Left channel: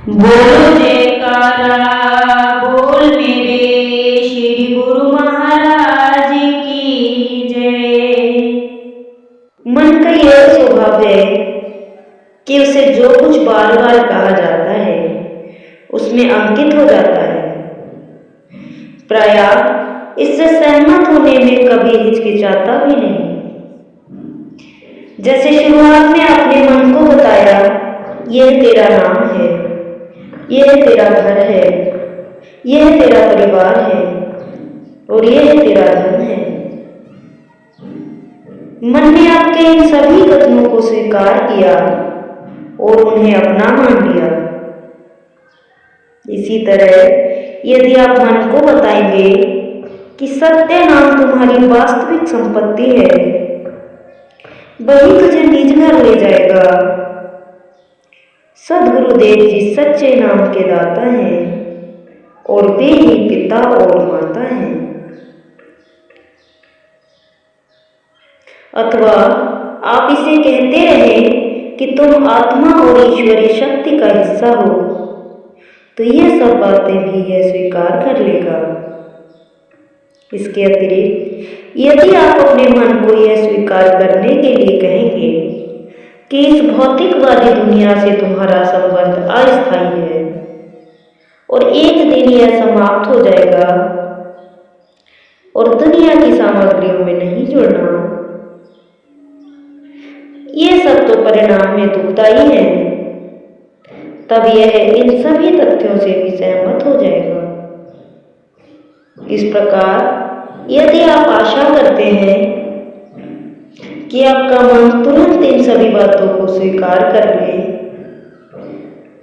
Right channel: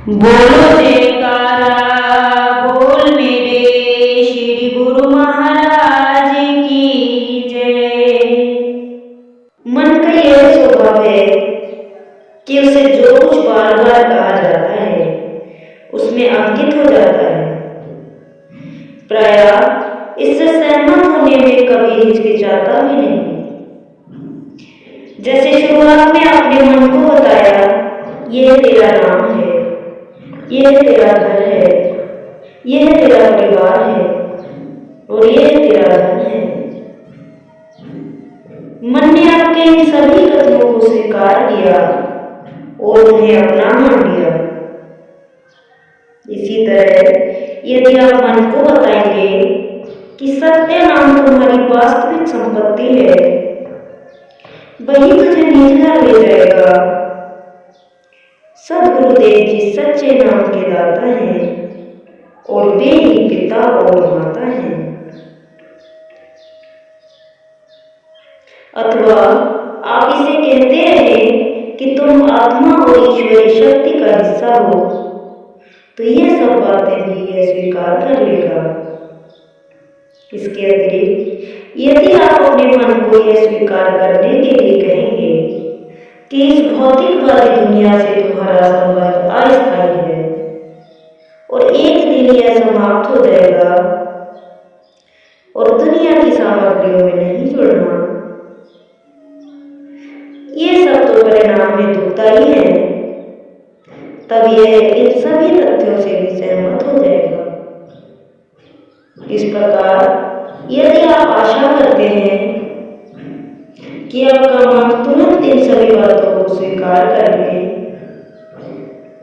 बोलो जयकारा बोल मेरे श्री गुरु महाराज की जय। मन का यह स्वभाव है कि उसे जो कुछ बार बार कहा जाता है उसमें अंकित हो जाता है। प्रायः इससे सहमत होने में कभी हिचकिचाता भी नहीं। जैसे शुरुआत में अपने मन को बताया, यह तेरा नाम है, यह तेरा घर है, यह तेरा परिवार है और यह तेरा धन है। मन ने आपके इन सभी कथनों को स्वीकार किया और उन्हें अपना मान लिया। इसी तरह यदि आप मन को बताएंगे कि सत्य नाम तुम्हारी वास्तविक संपत्ति है, वही तुझे निज घर ले जाएगा। सद्गुरुदेव जी सच्चे नाम के दाता हैं और वे ही पिता और माता हैं। अथवा आप इसे कहते रहे कि तुम आत्मा और ईश्वरीय शक्ति का हिस्सा हो, तो यह सब बातें भी यह स्वीकार कर लेगा। इसके अतिरिक्त यदि आप अपने मन को यह स्वीकार करने के लिए कहेंगे कि इस भौतिकवादी दुनिया से तुम्हारा संबंध अस्थायी है और एक दिन यह समाप्त हो जाएगा और दुनिया की सामग्रियों में नहीं जुड़ना, ये सब तो परिणाम में दुखदायी है, तब यह इन सभी तथ्यों से भी सहमत हो जाएगा। इस प्रकार यदि आप आशा करते हैं कि आपका मन तुरंत इन सभी बातों को स्वीकार कर ले,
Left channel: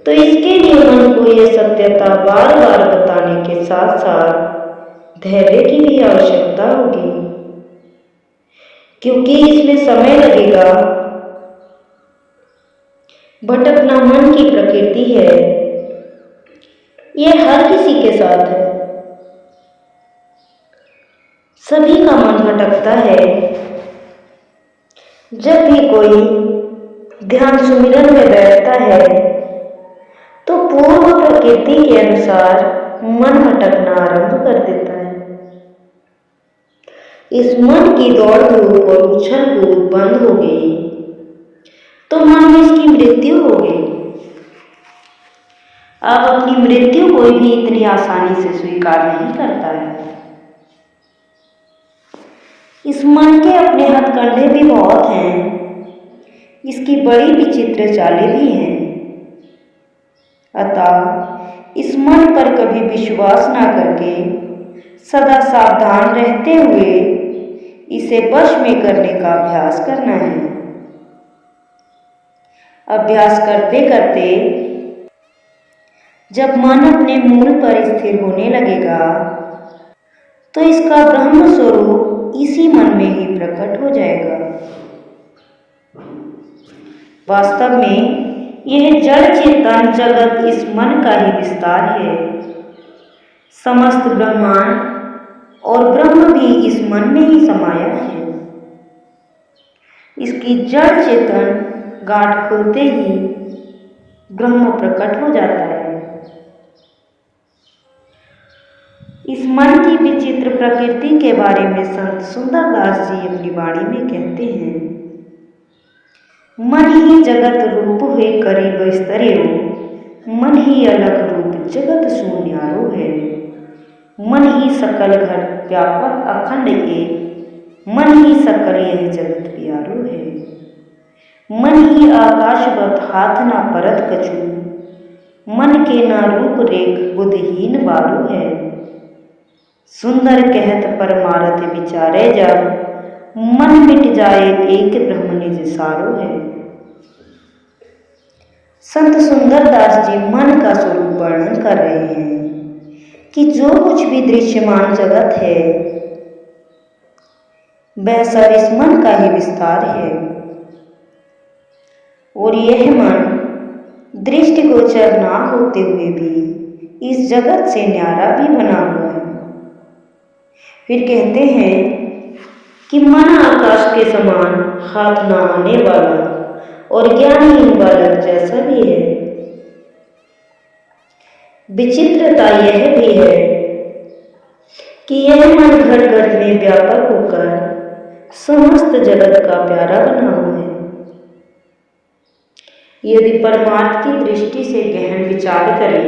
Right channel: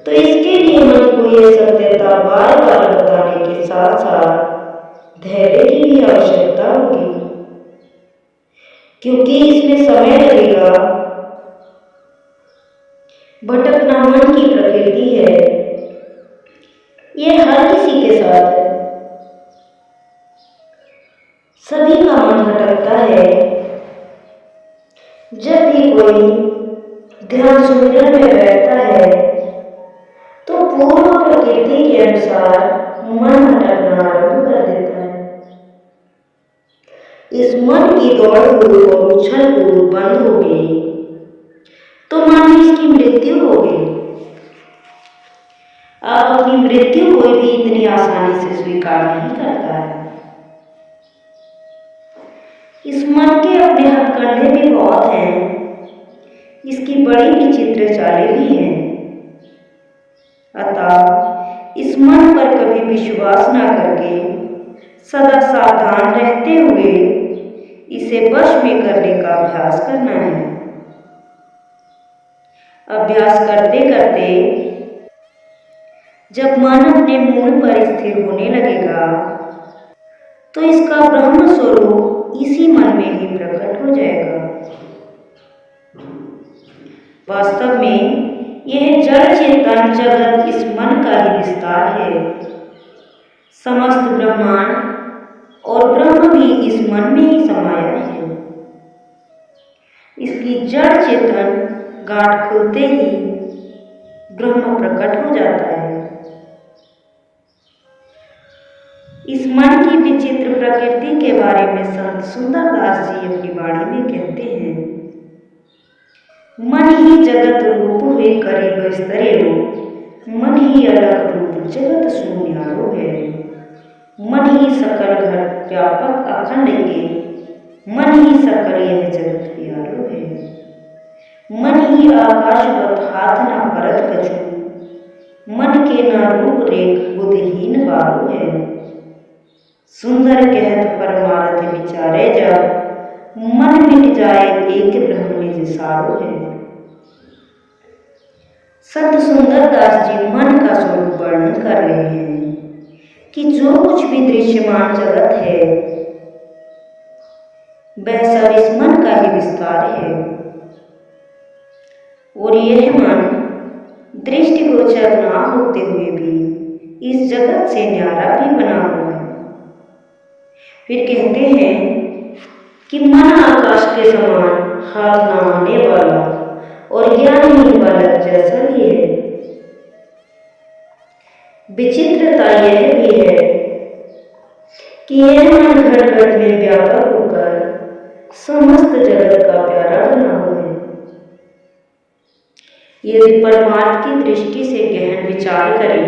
तो इसके लिए मन को यह सत्यता बार बार बताने के साथ साथ धैर्य की भी आवश्यकता होगी, क्योंकि इसमें समय लगेगा। भटकना मन की प्रकृति है, यह हर किसी के साथ है। सभी का मन भटकता है। जब भी कोई ध्यान सुमिरन में बैठता है तो पूर्व प्रकृति के अनुसार मन भटकना आरंभ कर देता है। इस मन की दौड़ धूप और उछल कूद बंद हो गई तो मान लो इसकी मृत्यु हो गई। अब अपनी मृत्यु कोई भी इतनी आसानी से स्वीकार नहीं करता है। इस मन के अपने हथकंडे भी बहुत हैं, इसकी बड़ी विचित्र चालें भी हैं। अतः इस मन पर कभी विश्वास न करके सदा सावधान रहते हुए इसे वश में करने का अभ्यास करना है। अभ्यास करते करते जब मन अपने मूल पर स्थिर होने लगेगा तो इसका ब्रह्म स्वरूप इसी मन में ही प्रकट हो जाएगा। वास्तव में यह जड़ चेतन जगत इस मन का ही विस्तार है। समस्त ब्रह्मांड और ब्रह्म भी इस मन में ही समाया है। इसकी जड़ चेतन गांठ खुलते ही ब्रह्म प्रकट हो जाता है। इस मन की विचित्र प्रकृति के बारे में संत सुंदरदास जी अपनी वाणी में कहते हैं, मन ही जगत रूप हुए करीब स्तरेओ, मन ही अलख रूप जगत शून्यारो है। मन ही सकल घट व्यापक अखंड एक, मन ही सकल यह जगत प्यारो है। मन ही आकाशवत हाथ न परत कछु, मन के न रूप रेख बुद्धिहीन बारो है। सुंदर कहत परमारथ विचारे जब, मन मिट जाए एक ब्रह्म निज सारो है। संत सुंदरदास जी मन का स्वरूप वर्णन कर रहे हैं कि जो कुछ भी दृश्यमान जगत है वह सब इस मन का ही विस्तार है और यह मन दृष्टिगोचर ना होते हुए भी इस जगत से न्यारा भी बना हुआ है। फिर कहते हैं कि मन आकाश के समान हाथ न आने वाला और ज्ञानहीन बालक जैसा भी है। विचित्रता यह भी है कि यह मन घट घट में व्यापक होकर समस्त जगत का प्यारा बना हुआ है। यदि परमार्थ की दृष्टि से गहन विचार करें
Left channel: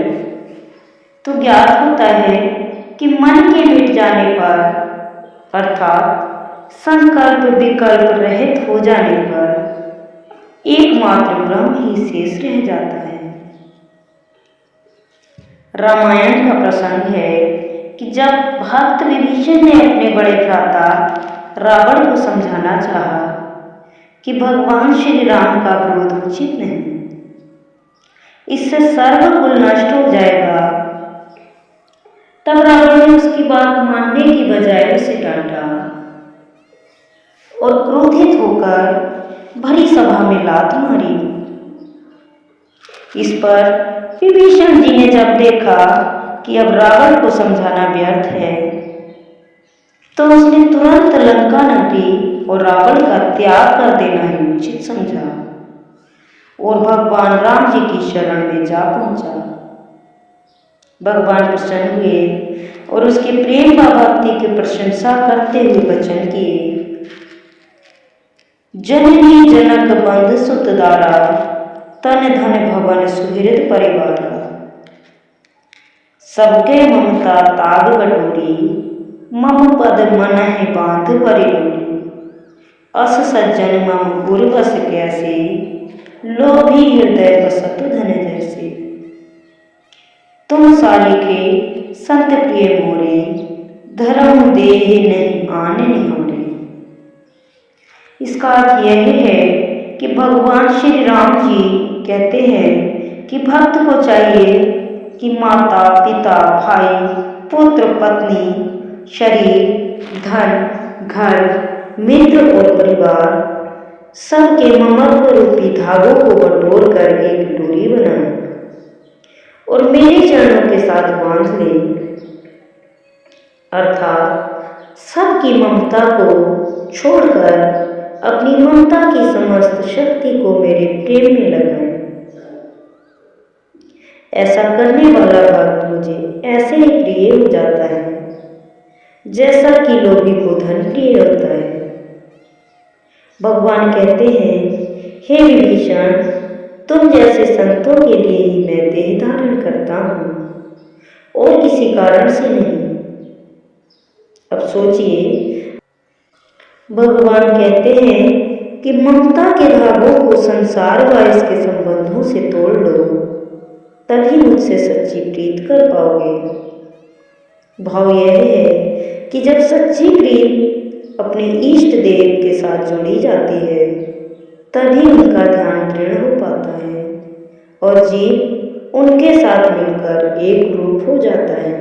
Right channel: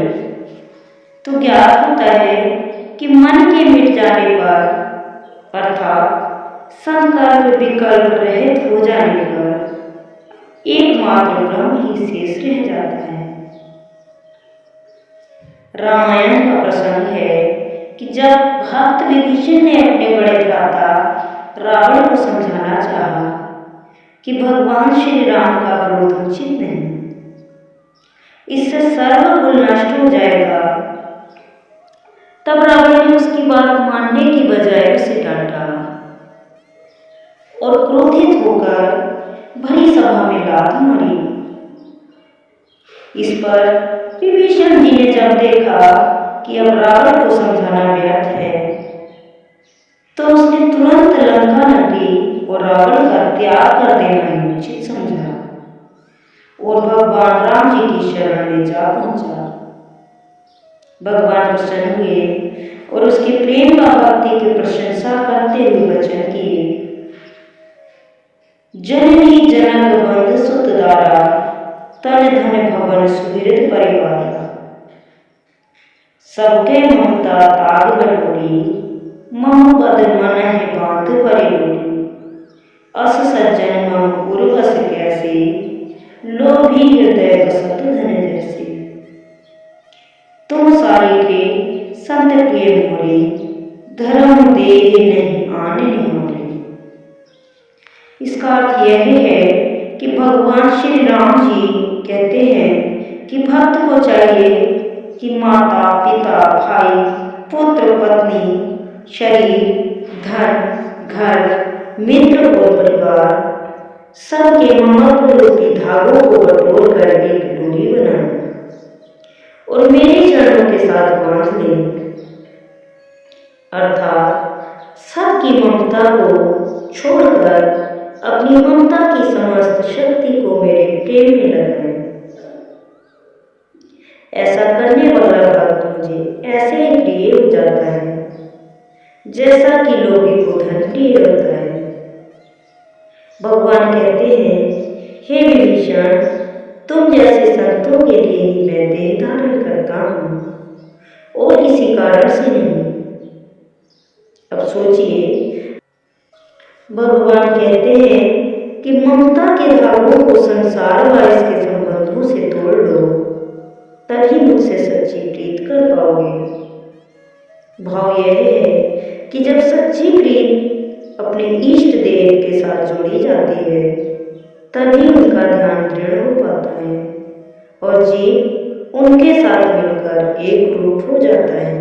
तो ज्ञात होता है कि मन के मिट जाने पर अर्थात संकल्प विकल्प रहित हो जाने पर एकमात्र ब्रह्म ही शेष रह जाता है। रामायण का प्रसंग है कि जब भक्त विभीषण ने अपने बड़े भ्राता रावण को समझाना चाहा कि भगवान श्री राम का विरोध उचित नहीं, इससे सर्वकुल नष्ट हो जाएगा, तब रावण ने उसकी बात मानने की बजाय उसे डांटा और क्रोधित होकर भरी सभा में लात मारी। इस पर विभीषण जी ने जब देखा कि अब रावण को समझाना व्यर्थ है, तो उसने तुरंत लंका नगरी और रावण का त्याग कर देना ही उचित समझा और भगवान राम जी की शरण में जा पहुंचा। भगवान प्रसन्न हुए और उसके प्रेम व भक्ति की प्रशंसा करते हुए वचन किए, जननी जनक बंधु सुत दारा, तन धन भवन सुहृद परिवार, सबके ममता ताग बटोरी, मम पद मन है बांध परिडोरी, अस सज्जन मम उर बस कैसे, लोभी हृदय बसत धन जैसे, तुम सारिके संत प्रिय मोरे, धर्म देह नहीं आने निहारे। इसका अर्थ यह है कि भगवान श्री राम जी कहते हैं कि भक्त को चाहिए कि माता पिता भाई पुत्र पत्नी शरीर धन घर मित्र और परिवार सबके ममत्व रूपी धागों को बटोर कर एक डोरी बनाए और मेरे चरणों के साथ बांध ले, अर्थात सबकी ममता को छोड़कर अपनी ममता की समस्त शक्ति को मेरे प्रेम में लगाएं। ऐसा करने वाला भक्त मुझे ऐसे ही प्रिय हो जाता है जैसा कि लोभी को धन प्रिय होता है। भगवान कहते हैं, हे विभीषण, तुम जैसे संतों के लिए ही मैं देह धारण करता हूँ और किसी कारण से नहीं। अब सोचिए, भगवान कहते हैं कि ममता के धागों को संसार व इसके संबंधों से तोड़ लो, तभी मुझसे सच्ची प्रीत कर पाओगे। भाव यह है कि जब सच्ची प्रीत अपने इष्ट देव के साथ जोड़ी जाती है, तभी उनका ध्यान दृढ़ हो पाता है और जीव उनके साथ मिलकर एक रूप हो जाता है।